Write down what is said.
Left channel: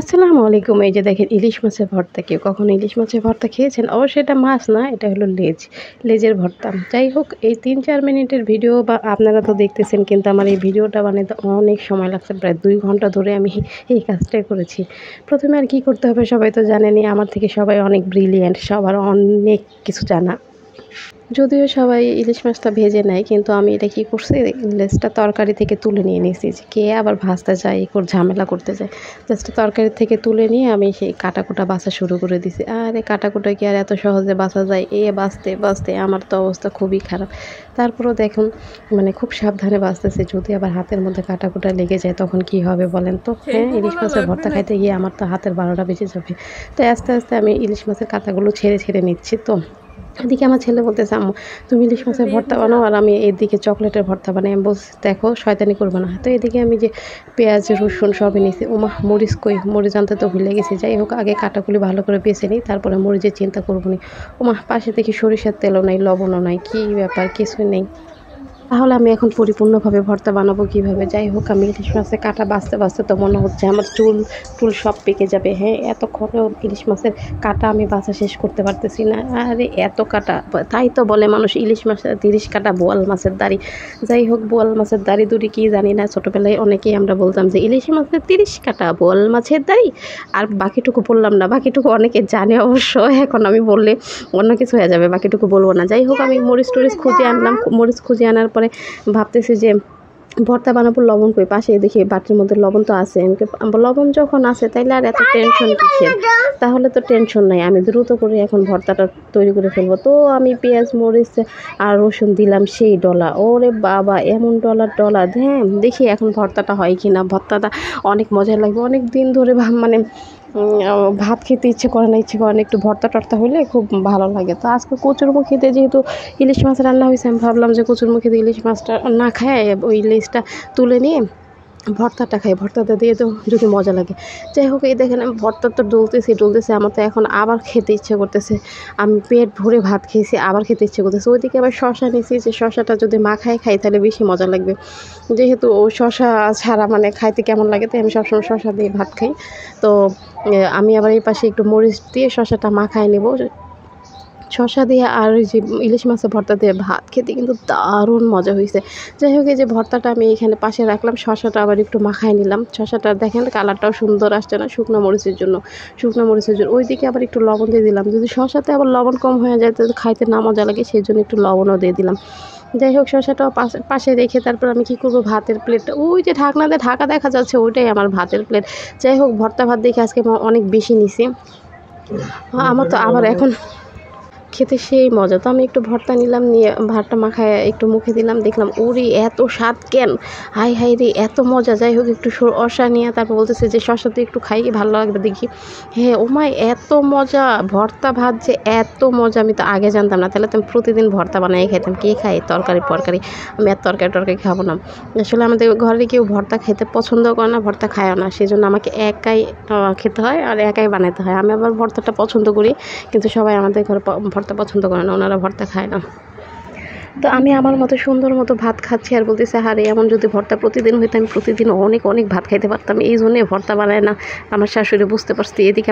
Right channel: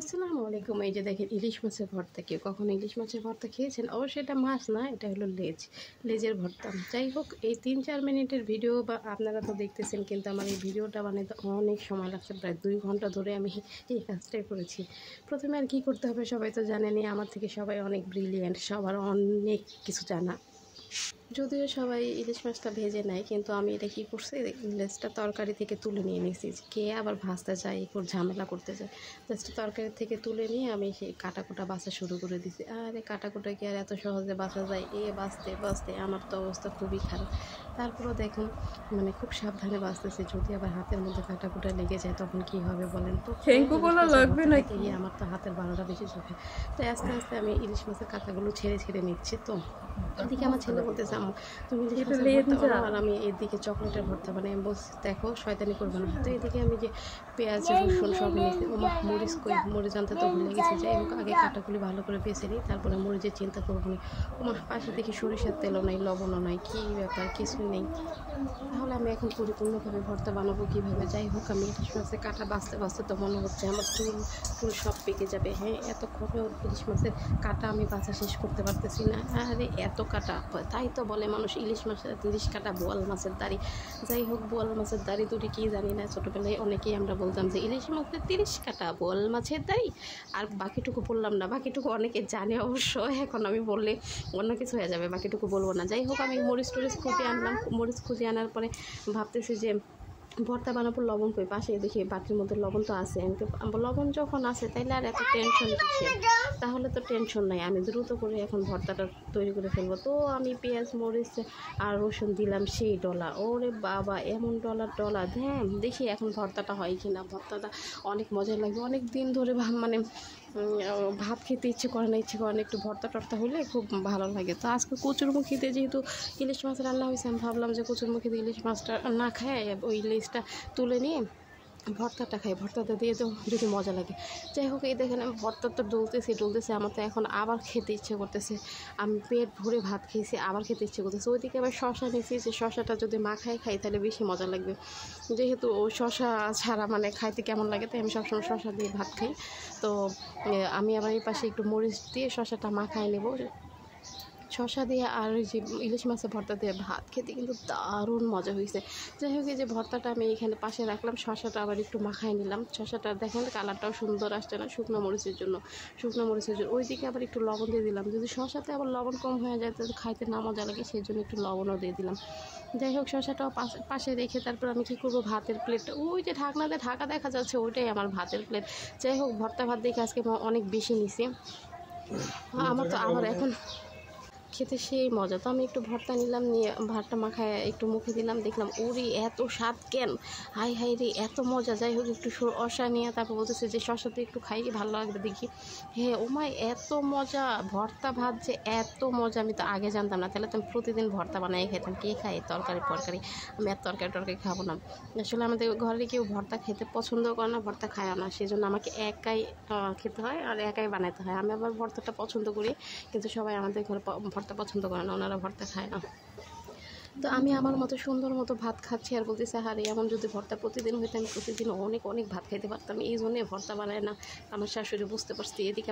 আসসালামু আলাইকুম। এই যে দেখেন ইলিশ মাছের ভর্তা। কেউ কখনো ইলিশ মাছের ভর্তা খেয়েছেন? অবশ্যই এটা মাছ না, এটা হলো লেজের ভর্তা। যাই হোক, এই ৩-৪ মিনিটের ভিডিও বা আপনারা তো দেখতেছেন, কিন্তু আমার এই ভিডিওটা বানাতে অনেক সময় লাগছে। প্রায় ২ ঘন্টা ধরে আমি এই কাজটাই করেছি। প্রথমে আর কি করতে হবে সবাই তো জানেনই, আমার থেকে সবাই অনেক ব্রিলিয়েন্ট, সবার অনেক কিছু জানা। যদিও সবাই ইলিশ মাছটা ভেজে নেয়, কিন্তু আমি এটা কী করছি, লেজটা তরকারি থেকে তুলে নিয়ে নিয়েছি। যে কে আবার ভাজতে যায়, ঝামেলা করতে যায়। জাস্ট তরকারি থেকে তুলে নিয়ে আমি সেই কাটাকুটা বাছা শুরু করে দিছি। আর এই কাটাকুটা কি আর এত সহজে বাছা যায়? বাছতে বাছতে আমার তো অবস্থা খুবই খারাপ। তারপরেও দেখুন, মানে খুব সাবধানে বাছতেছি। যদি আবার হাতের মধ্যে কাটাকুটা লেগে যায় তখন কি হবে বলেন তো? হ্যাঁ, ইলিশ মাছের ভর্তা খাইতে গিয়ে আমার তো হাতের ১২টা বেজে যাবে। তো আস্তে আস্তে আমি ইলিশ মাছের কাঁটাগুলো ছেড়ে নিচ্ছি। তো এদিকে আমার ছেলে বলতেছে, আম্মু তুমি ইলিশ মাছের ভর্তা বানাও আর আমি এদিকে চকলেটের ভর্তা বানাই। আমি বলছি, দেখো শয়তানি করবো না। তো এদিকে আমি যে পেঁয়াজ রসুন সবই নিয়েছি। মরিচ কই, মরিচ আনতে তো ভুলে গেছি। যাই হোক, আগে কাটাগুলি ভালো করে বেছে নিই, তারপরে মরিচের চিন্তা করবো নি। পাশে দেখি সরিষার তেলও নাই, লবণও নাই, কী ব্যাপার, কিছুই নেই। তাহলে আমি এখন পরিপূর্ণভাবে ভর্তা বানাবো কীভাবে? যাই হোক, আমি ইলিশ মাছের কাঁটা বাছতে তো মনে হচ্ছে আমার চুল সব পেকে যাবে। হ্যাঁ, এতক্ষণেও ইলিশ মাছের কাঁটা আমি বাছা শেষ করতে পারতেছি না। আরে এত কাঁটা! তাই তো বলে মানুষ ইলিশ মাছের ৩০ কাঁটা বোয়াল মাছের দাড়ি। যাই হোক, বোয়াল মাছের দাড়ি দুড়ি কী জানি না, ছোটোবেলায় অনেকেই আমরা বলতাম যে ইলিশ মাছের ৩০ কাঁটা বোয়াল মাছের দাড়ি। আর বাকিটুকু বললাম না, বাকিটুকু অনেকে জানে অবশ্য। এখন আমি বললে অন্য কিছু হয়ে যাবে, বাকিটুকু বলবো না। যাই হোক, আমি মরিচ টরিচ খুঁজে আনলাম। মরিচ খুঁজে আনার পরে ভাবতেছি যে ভর্তা বানাবো, লবণ কই? পাশে দেখি বাটির মধ্যে লবণ তো আছে। লবণ যখন আছে তাইলে আর এত টেনশন কিসের? তাহলে তো টেনশন নাই, আমি দ্রুত করে এখন ভর্তাটা তৈরি করে ফেলবো। তো আমি পেঁয়াজ মরিচ আর রসুন দিলাম সেই ডলা। ওরে বাবা, এমন ডলা! হ্যাঁ, দেখি এখন ভর্তাটা হয় কি না। ভর্তাটা অনেক মজা লাগবে। অনেক দিন ধরে মানে ভাত খেতে ইচ্ছে করে না, একটু ভর্তা টর্তা হলে খুব ভালো লাগে। তো আজকে কচুরমুখিতে যেহেতু ইলিশ মাছ রান্না হয়েছে, আমি ভাবলাম যে কচুরমুখিতে ইলিশ মাছটা না খায় ওই লেজটা তুলে নিয়ে ভর্তাটা খাই, ভর্তাটা দিয়ে তো যদি মজা লাগে। যাই হোক, এই দেখেন আমি ভর্তা তো ডলতেছে, আমার তো এখন আবার খেতে ইচ্ছে করতেছে। আমি পেট ভরে ভাত খেয়েছি, আবার খেতে ইচ্ছে করতেছে। ওইদিকে আবার শশা নিয়েছি, যে শশাটা যদি মাখায় খাই তাহলে বেশি মজা লাগবে। যেহেতু শশা ছাড়া মানে খাইতে কেমন লাগে, তাই আমি সবসময় শশা দিয়ে ভাত খাই। তো আমি আবার এই পাশে একটু মরিচ দিয়ে শশাটা মাখায় নেব। শসা দিয়ে আর ওই যে ইলিশ মাছের ভর্তা দিয়ে ভাত খেতে কিন্তু দারুণ মজা হয়েছে। যাই হোক, এই যে ভর্তাটা আমি এখানে পাশে রাখলাম, শসাটা আবার একটু মাখায় নিলাম। শসাটা দেখেন কালারটাও সুন্দর আসছে না, শুকনো মরিচের জন্য। ওইদিকে আবার একটু লবণ দিয়ে দিলাম। যদি শসাতে আবার লবণ কম হয়ে যায় তো খাইতে না মজা লাগে, সেই জন্য একটু লবণও দিয়ে দিলাম। যাই হোক, শসাটাও পাশে রেখে তারপর আমি কী করবো, ভাতের প্লেটটা ওই যে ঢাকনাতে ঢাকা দেখা যাচ্ছে, ওইটাই আমার ভাতের প্লেট। যাই হোক, ভর্তা ভাত দেখে আজকে অনেক বেশি নিছি। আমার তো আবার এখন খেতে সেই মজা। তো আমি একটু ভর্তা নিলাম, নিয়ে ভাতটা মাখায় একটু মুখে দিলাম, দেখলাম ওরে এত স্বাদ কেন! হাই রে, এত মজা! যাই হোক, একটু অসা নিয়ে তারপর বলতেছে যে শসা তো একটু খাই, ভালো লাগবে দেখি। হ্যাঁ, এত মজা! ভর্তা ভাত যে এত মজা আমি তো আগে জানতাম না। তাহলে তো আমি প্রতিদিন ভর্তা বানাই খাইতাম। কে খাই তরকারি ফরকারি? আমি আর তরকারি খাবো না। আসলে আমাদের ঘরে কেউ ভর্তা খেতে পছন্দ করে না, ভর্তা খায়ও না, সেই জন্য আমাকে একাই খেতে হয় আর একাই বানাতে হয়। আমি আবার ভর্তাটা পছন্দ করি, কিন্তু সবাই আমাদের ঘরে ভর্তা পছন্দ করে না, ওনারা ভর্তা খায় না। তো আমি আমার মতো সুন্দর মতো ভাত খাচ্ছি আর বলতেছে, আরে এমন যদি ভর্তা প্রতিদিন হইতো, আমি প্রতিদিন অনেক ভাত খাইতে পারতাম। এই জন্যে ভর্তা বানায় না আমার শাশুড়ি, বুঝতে পারছি। এদিকে